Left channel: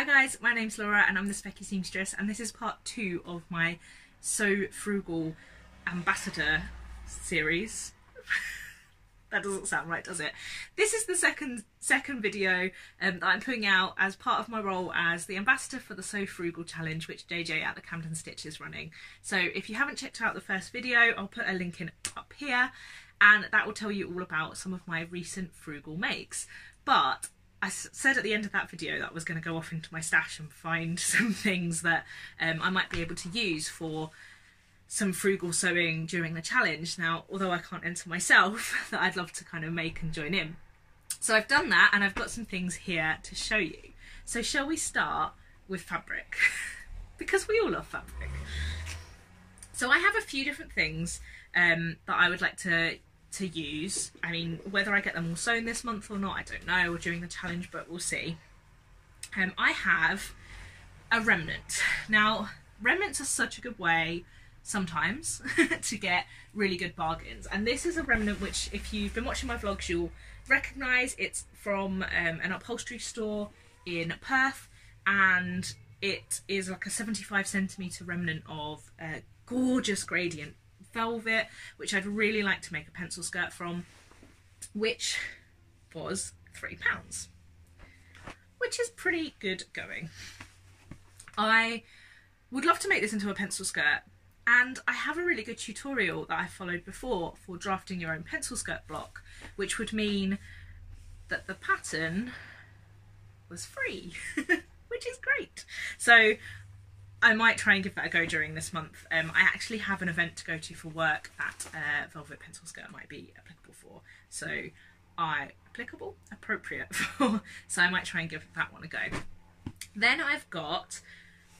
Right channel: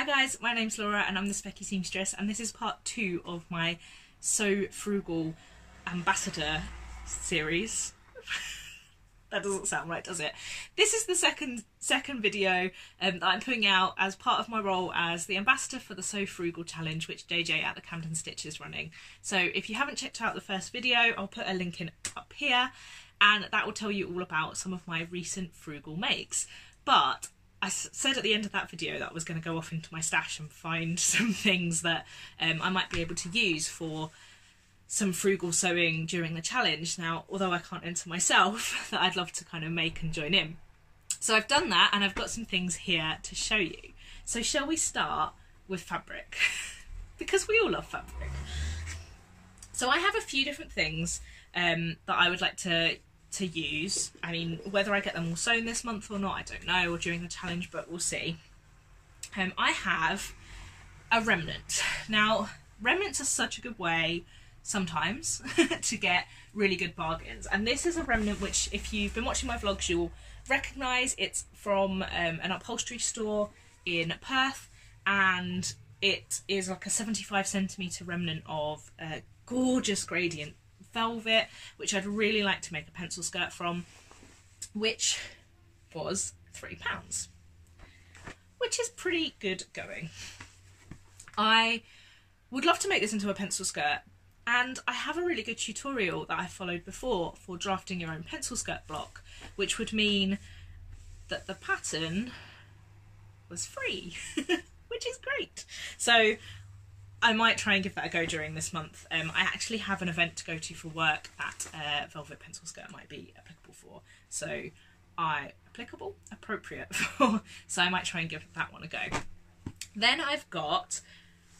Hi guys, my name's Laura and I'm the Specky Seamstress, and this is part 2 of my Sew Frugal Ambassador series. That doesn't sound right, does it? This is the second video that I'm putting out as part of my role as the ambassador for the Sew Frugal challenge, which JJ at the Camden Stitch is running. So if you haven't checked out the first video, I'll put a link in up here, and that will tell you all about some of my recent frugal makes. But I said at the end of that video that I was going to go off into my stash and find some things that I might be able to use for some frugal sewing during the challenge. Now, although I can't enter myself, that I'd love to kind of make and join in. So I've done that, and I've got some things here to show you. So shall we start with fabric? Because we all love fabric. So I have a few different things that I would like to use. I mean, whether I get them all sewn this month or not, I don't know, or during the challenge, but we'll see. I have a remnant. Now, remnants are such a good way sometimes to get really good bargains, and this is a remnant which, if you've been watching my vlogs, you'll recognise. It's from an upholstery store in Perth, and it is like a 75cm remnant of gorgeous gradient velvet, which I'd really like to make a pencil skirt from, which was £3, which is pretty good going. I would love to make this into a pencil skirt, and I have a really good tutorial that I followed before for drafting your own pencil skirt block, which would mean that the pattern was free, which is great. So I might try and give that a go during this month. I actually have an event to go to for work that velvet pencil skirt might be applicable for. So appropriate for. So I might try and give that one a go. Then I've got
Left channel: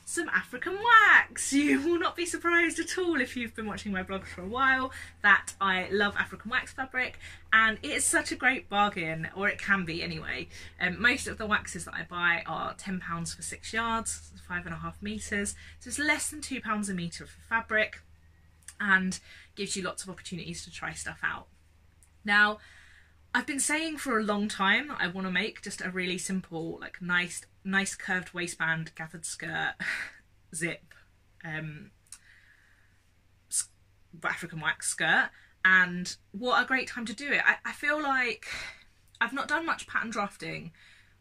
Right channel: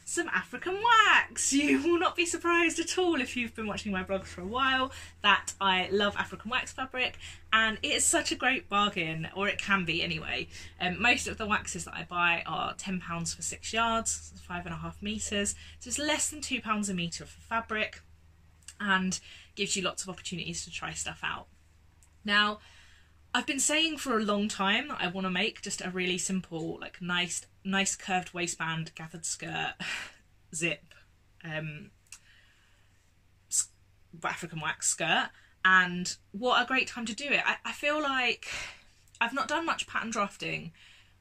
some African wax. You will not be surprised at all if you've been watching my blog for a while that I love African wax fabric, and it is such a great bargain, or it can be anyway. Most of the waxes that I buy are £10 for 6 yards, 5.5 metres, so it's less than £2 a metre for fabric, and gives you lots of opportunities to try stuff out. Now, I've been saying for a long time that I want to make just a really simple, like nice curved waistband, gathered skirt, zip, African wax skirt, and what a great time to do it. I feel like I've not done much pattern drafting,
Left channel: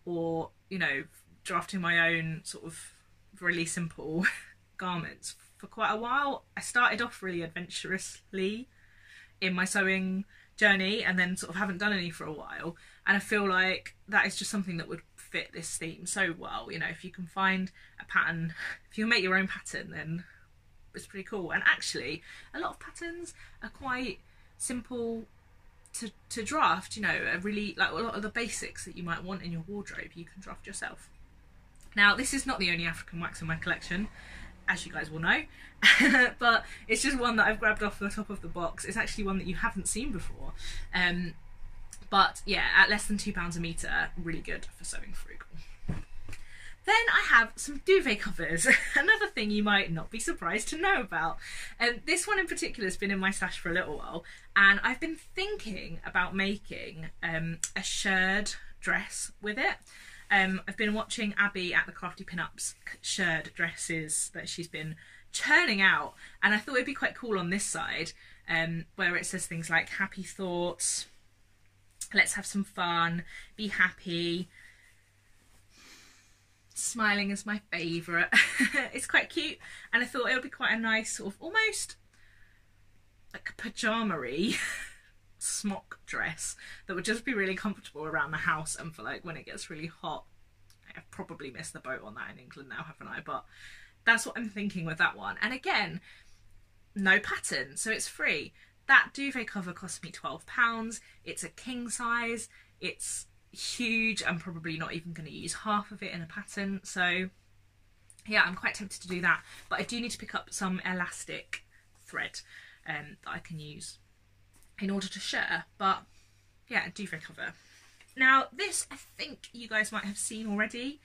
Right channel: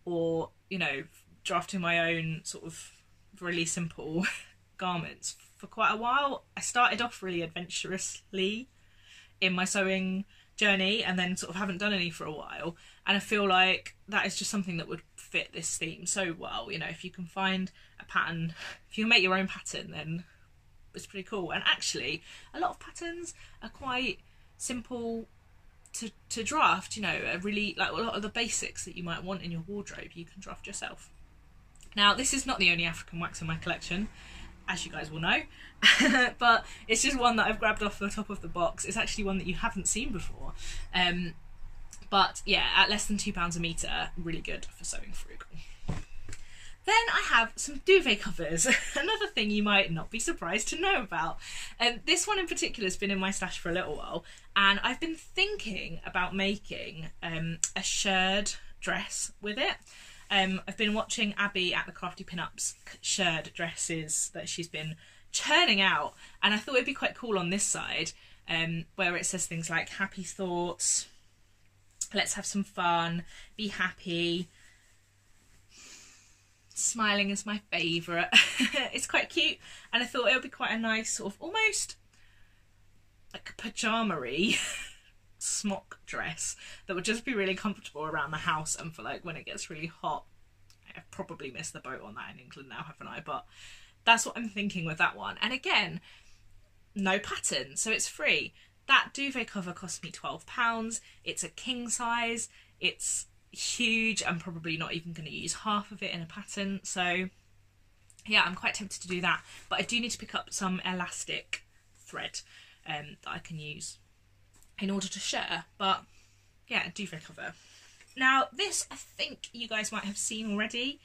or, you know, drafting my own sort of really simple garments for quite a while. I started off really adventurously in my sewing journey, and then sort of haven't done any for a while, and I feel like that is just something that would fit this theme so well. You know, if you can find a pattern, if you can make your own pattern, then it's pretty cool. And actually a lot of patterns are quite simple to draft, you know, really, like a lot of the basics that you might want in your wardrobe you can draft yourself. Now, this is not the only African wax in my collection, as you guys will know, but it's just one that I've grabbed off the top of the box. It's actually one that you haven't seen before. But yeah, at less than £2 a metre, really good for sewing frugal. Then I have some duvet covers, another thing you might not be surprised to know about. This one in particular has been in my stash for a little while, and I've been thinking about making a shirred dress with it. I've been watching Abby at the Crafty Pinups shirred dresses that she's been churning out, and I thought it'd be quite cool on this side, where it says things like happy thoughts, let's have some fun, be happy, smiling is my favourite. It's quite cute, and I thought it would be quite a nice sort of almost like pyjama-y smock dress that would just be really comfortable around the house, and for like when it gets really hot. I've probably missed the boat on that in England now, haven't I? But that's what I'm thinking with that one. And again, no pattern, so it's free. That duvet cover cost me £12. It's a king size. It's huge. I'm probably not even going to use half of it in a pattern. So yeah, I'm quite tempted to do that. But I do need to pick up some elastic thread that I can use in order to share. But yeah, a duvet cover. Now this, I think you guys might have seen already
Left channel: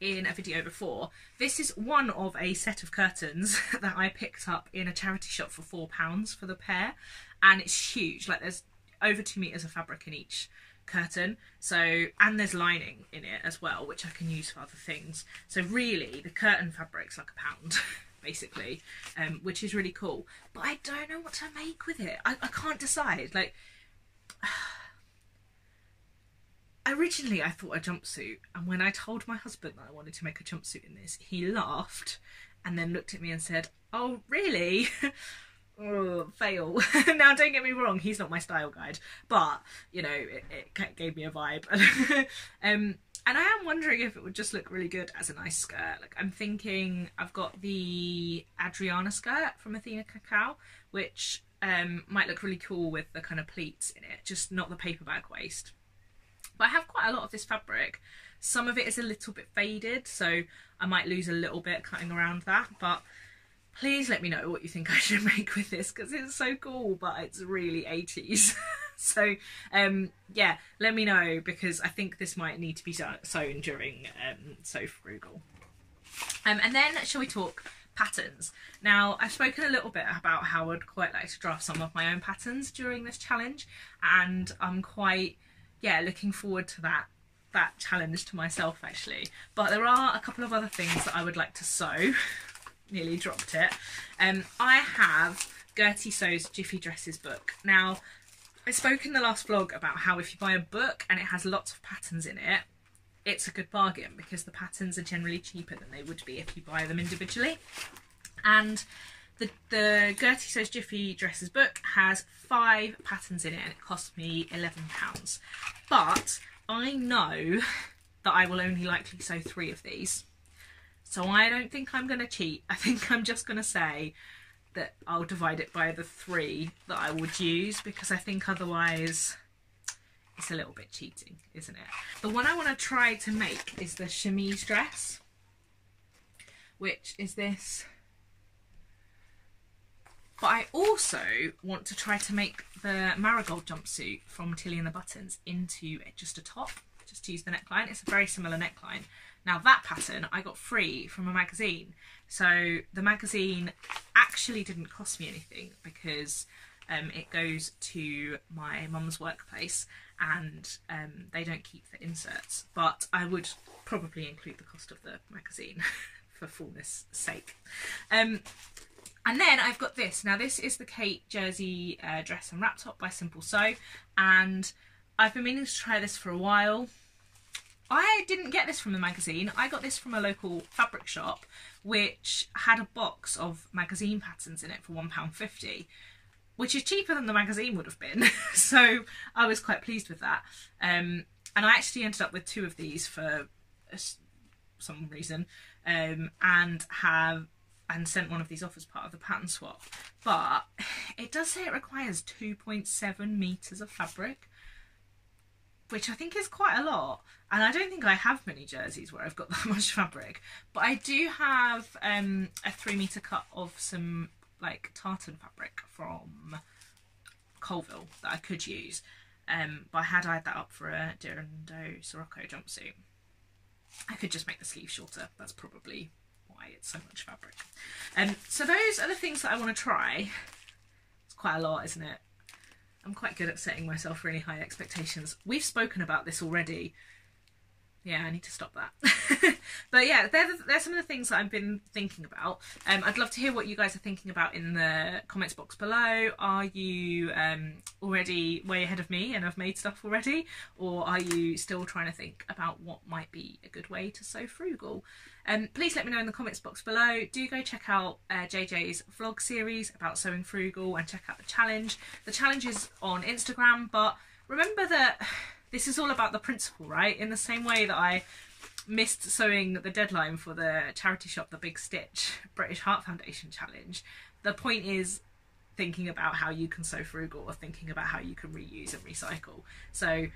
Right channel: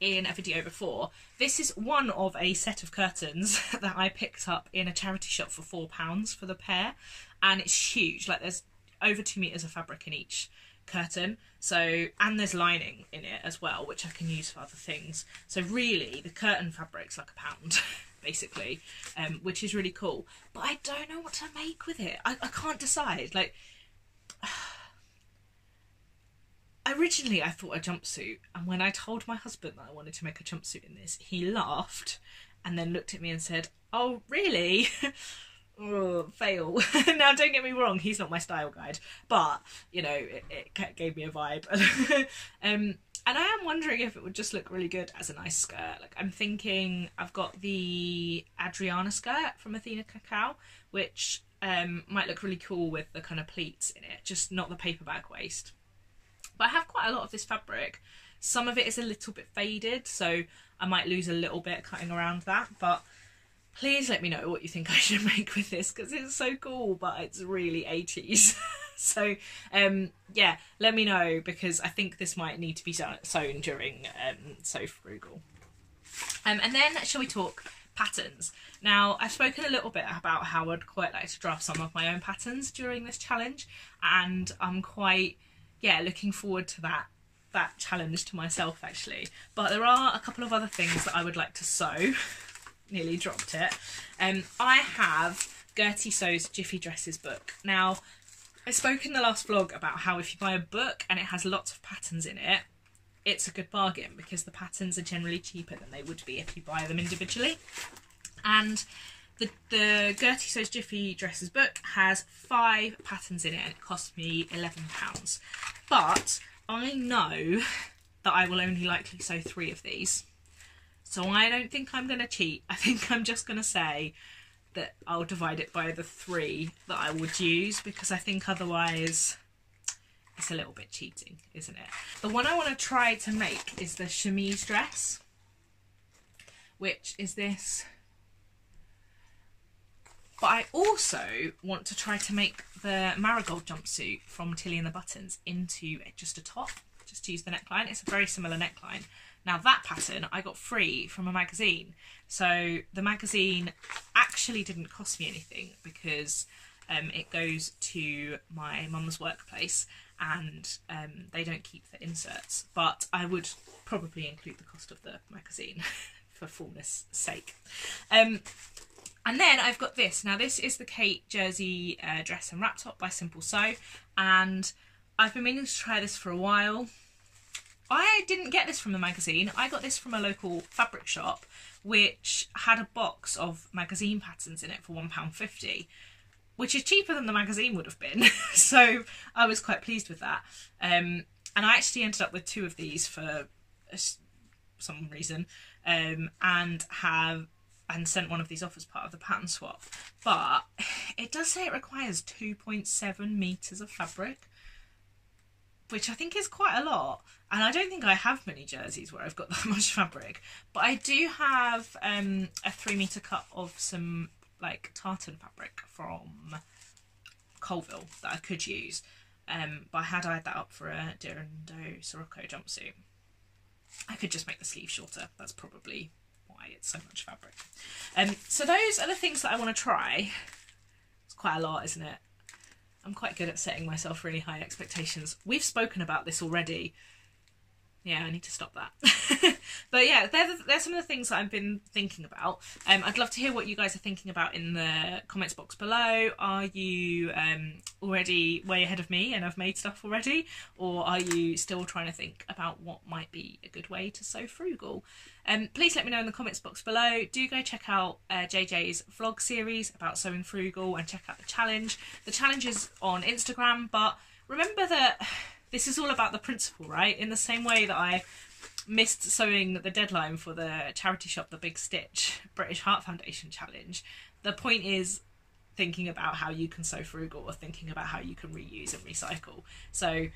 in a video before. This is one of a set of curtains that I picked up in a charity shop for £4 for the pair, and it's huge. Like, there's over 2 meters of fabric in each curtain, so, and there's lining in it as well, which I can use for other things. So really the curtain fabric's like £1 basically, which is really cool, but I don't know what to make with it. I can't decide. Like, originally I thought a jumpsuit, and when I told my husband that I wanted to make a jumpsuit in this, he laughed and then looked at me and said, "Oh really?" Oh, fail. Now don't get me wrong, he's not my style guide, but you know, it gave me a vibe. And I am wondering if it would just look really good as a nice skirt. Like, I'm thinking, I've got the Adriana skirt from Athena Cacao, which might look really cool with the kind of pleats in it, just not the paper bag waist. But I have quite a lot of this fabric. Some of it is a little bit faded, so I might lose a little bit cutting around that, but please let me know what you think I should make with this, because it's so cool, but it's really 80s. So yeah, let me know, because I think this might need to be sewn during Sew Frugal. And then shall we talk patterns? Now, I've spoken a little bit about how I'd quite like to draft some of my own patterns during this challenge, and I'm quite, yeah, looking forward to that challenge to myself actually. But there are a couple of other things that I would like to sew. Nearly dropped it. I have Gertie Sew's Jiffy Dresses book. Now, I spoke in the last vlog about how if you buy a book and it has lots of patterns in it, it's a good bargain, because the patterns are generally cheaper than they would be if you buy them individually. And the Gertie Sew's Jiffy Dresses book has 5 patterns in it, and it cost me £11. But I know that I will only likely sew 3 of these. So I don't think I'm going to cheat. I think I'm just going to say that I'll divide it by the 3 that I would use, because I think otherwise it's a little bit cheating, isn't it? The one I want to try to make is the chemise dress, which is this. But I also want to try to make the marigold jumpsuit from Tilly and the Buttons into just a top, just to use the neckline. It's a very similar neckline. Now that pattern I got free from a magazine, so the magazine actually didn't cost me anything, because it goes to my mum's workplace, and they don't keep the inserts, but I would probably include the cost of the magazine for fullness sake. And then I've got this. Now this is the Kate Jersey dress and wrap top by Simple Sew, and I've been meaning to try this for a while. I didn't get this from the magazine. I got this from a local fabric shop, which had a box of magazine patterns in it for £1.50, which is cheaper than the magazine would have been. So I was quite pleased with that. And I actually ended up with 2 of these for some reason, and sent one of these off as part of the pattern swap. But it does say it requires 2.7 meters of fabric, which I think is quite a lot. And I don't think I have many jerseys where I've got that much fabric, but I do have a 3 meter cut of some like tartan fabric from Colville that I could use. But I had eyed that up for a Dirando Sirocco jumpsuit. I could just make the sleeve shorter. That's probably why it's so much fabric. So those are the things that I want to try. It's quite a lot, isn't it? I'm quite good at setting myself really high expectations. We've spoken about this already. Yeah, I need to stop that. But yeah, they're some of the things that I've been thinking about. I'd love to hear what you guys are thinking about in the comments box below. Are you already way ahead of me and have made stuff already? Or are you still trying to think about what might be a good way to sew frugal? Please let me know in the comments box below. Do go check out JJ's vlog series about sewing frugal, and check out the challenge. The challenge is on Instagram, but remember that this is all about the principle, right? In the same way that I missed sewing the deadline for the charity shop The Big Stitch British Heart Foundation challenge, the point is thinking about how you can sew frugal, or thinking about how you can reuse and recycle. So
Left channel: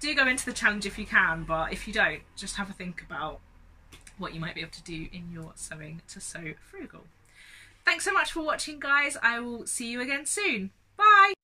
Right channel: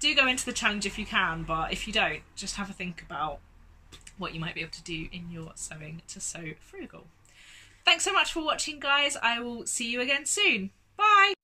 do go into the challenge if you can, but if you don't, just have a think about what you might be able to do in your sewing to sew frugal. Thanks so much for watching, guys. I will see you again soon. Bye!